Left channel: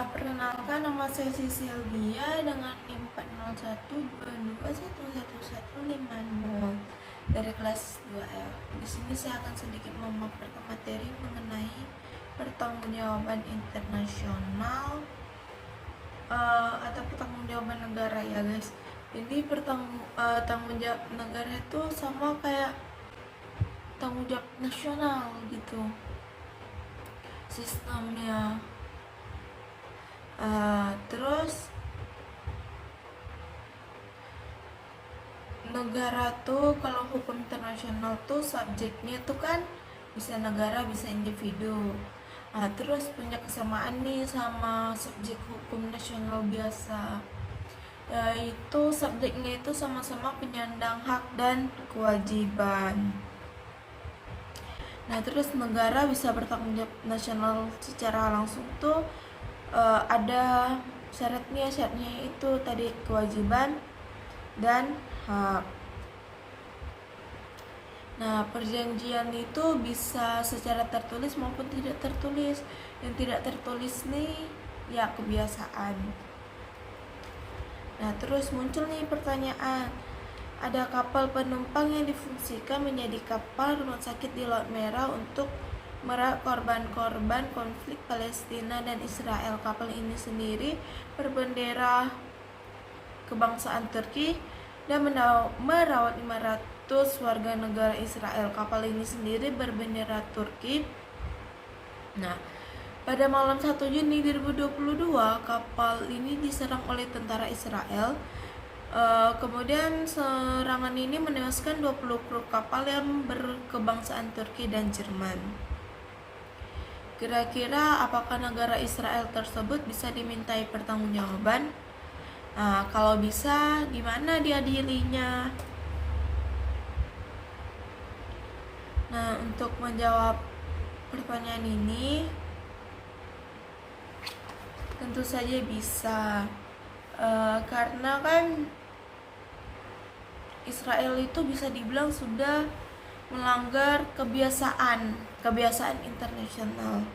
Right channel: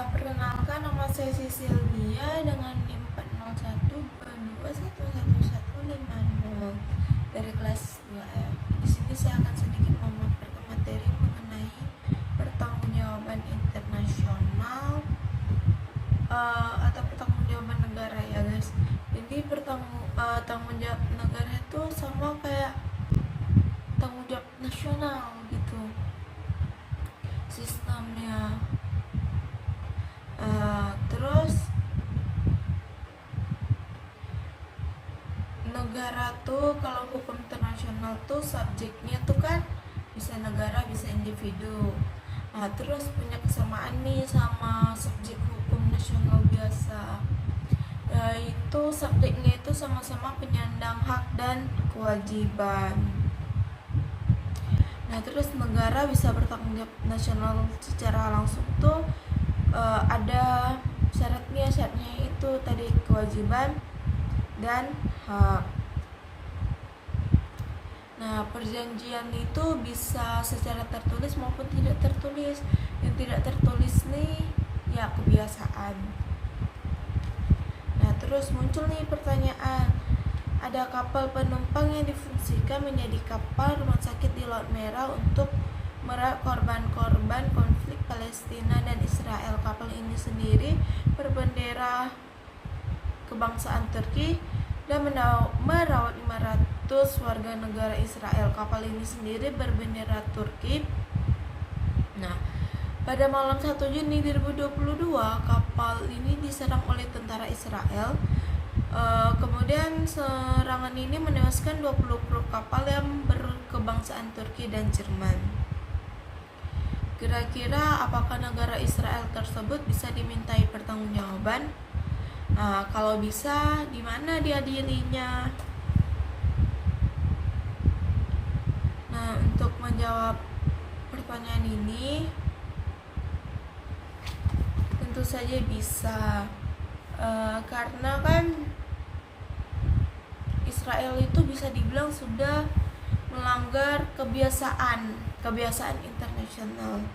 Perkenalkan, nama saya Sylvia dengan NIM 40122111150 dari kelas 2F. Di sini saya akan sedikit memaparkan materi mengenai pertanggungjawaban internasional atau pertanggungjawaban negara ya guys. Jadi tanggung jawab negara itu sama kayak tanggung jawab nasional gitu sistemnya. Terus negara tuh kalau hukum internasional tuh subjeknya tuh kan bisa negara bisa individu. Terus punya kesamaan nih sama subjek hukum nasional biasa, yaitu subjeknya itu sama-sama penyandang hak dan kewajiban. Nah terus negara bisa bertanggung jawab nasional secara langsung tuh ada syaratnya itu tadi kewajiban dan hak. Nah perjanjian itu bisa secara tertulis maupun tidak tertulis. Yang tidak tertulis nih ya kebiasaan. Nah terus muncul nih pertanyaan, ada kapal penumpang yang difungsikan menjadi kapal rumah sakit di Laut Merah untuk merawat korban-korban konflik Palestina dan Israel. Kapal ini sendiri berbendera kebangsaan Turki dan merawat 500 warga negara Israel. Kapal ini sendiri berbendera Turki. Nah, pada malam 1 Juni 2022, kapal ini diserang oleh tentara Israel. Kemudian serangan ini menewaskan 20 kru kapal yang berkebangsaan Turki dan Jerman. Kira-kira apakah negara Israel tersebut bisa dimintai pertanggungjawaban? Kalau bisa, di mana diadilinya? Nah, untuk menjawab pertanyaan ini, tentu saja bisa, karena kan Israel itu bisa dibilang sudah melanggar kebiasaan internasional.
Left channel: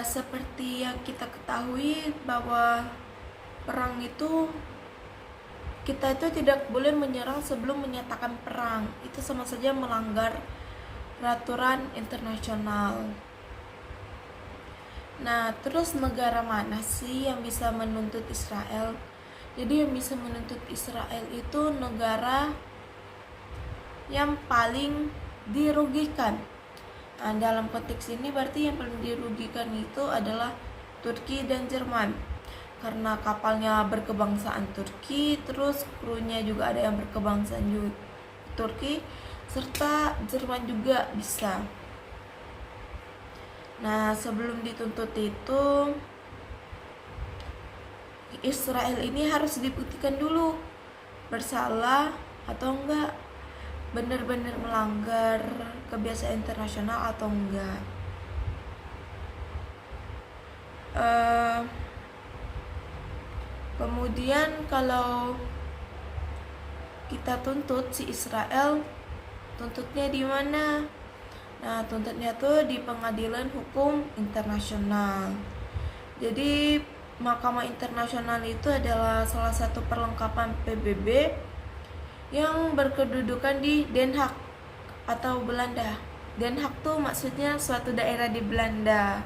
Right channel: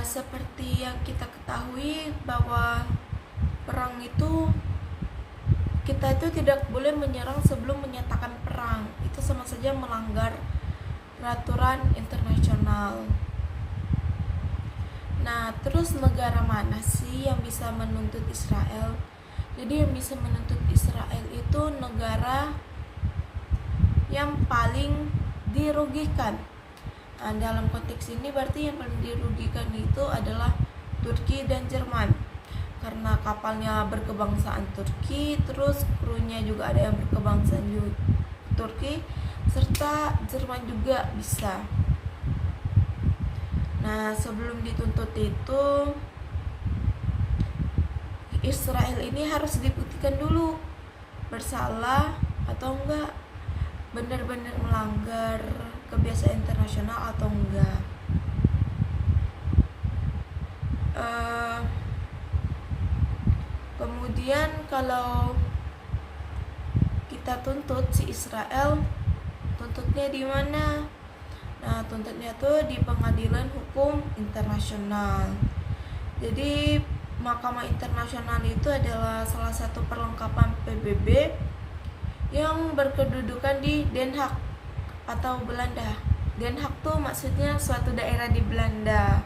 Seperti yang kita ketahui bahwa perang itu kita itu tidak boleh menyerang sebelum menyatakan perang. Itu sama saja melanggar peraturan internasional. Nah, terus negara mana sih yang bisa menuntut Israel? Jadi yang bisa menuntut Israel itu negara yang paling dirugikan. Dalam konteks ini berarti yang paling dirugikan itu adalah Turki dan Jerman, karena kapalnya berkebangsaan Turki, terus krunya juga ada yang berkebangsaan Turki, serta Jerman juga bisa. Nah sebelum dituntut itu Israel ini harus dibuktikan dulu bersalah atau enggak, benar-benar melanggar kebiasaan internasional atau enggak. Kemudian kalau kita tuntut si Israel, tuntutnya di mana? Nah, tuntutnya tuh di Pengadilan Hukum Internasional. Jadi Mahkamah Internasional itu adalah salah satu perlengkapan PBB yang berkedudukan di Den Haag atau Belanda. Den Haag tuh maksudnya suatu daerah di Belanda.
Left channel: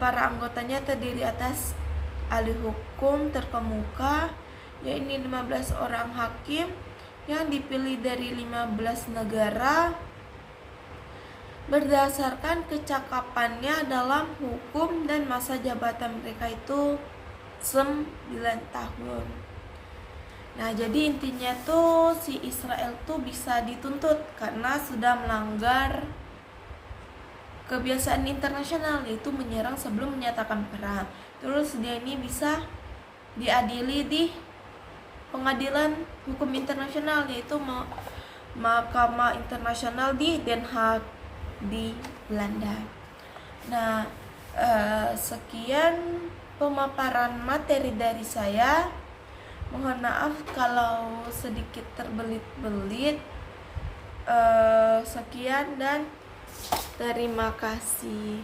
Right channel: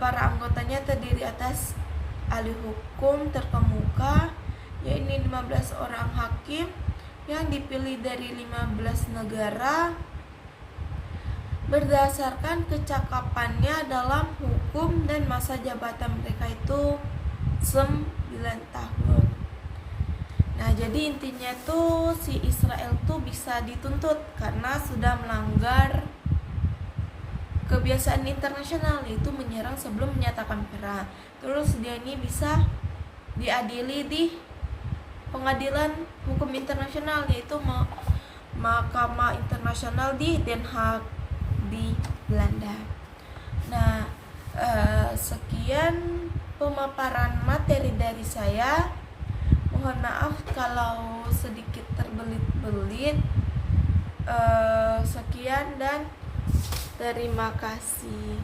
Para anggotanya terdiri atas ahli hukum terkemuka, yaitu 15 orang hakim yang dipilih dari 15 negara berdasarkan kecakapannya dalam hukum, dan masa jabatan mereka itu 9 tahun. Nah jadi intinya tuh si Israel tuh bisa dituntut karena sudah melanggar kebiasaan internasional, yaitu menyerang sebelum menyatakan perang. Terus dia ini bisa diadili di Pengadilan Hukum Internasional, yaitu Mahkamah Internasional di Den Haag di Belanda. Nah sekian pemaparan materi dari saya. Mohon maaf kalau sedikit terbelit-belit. Sekian dan terima kasih.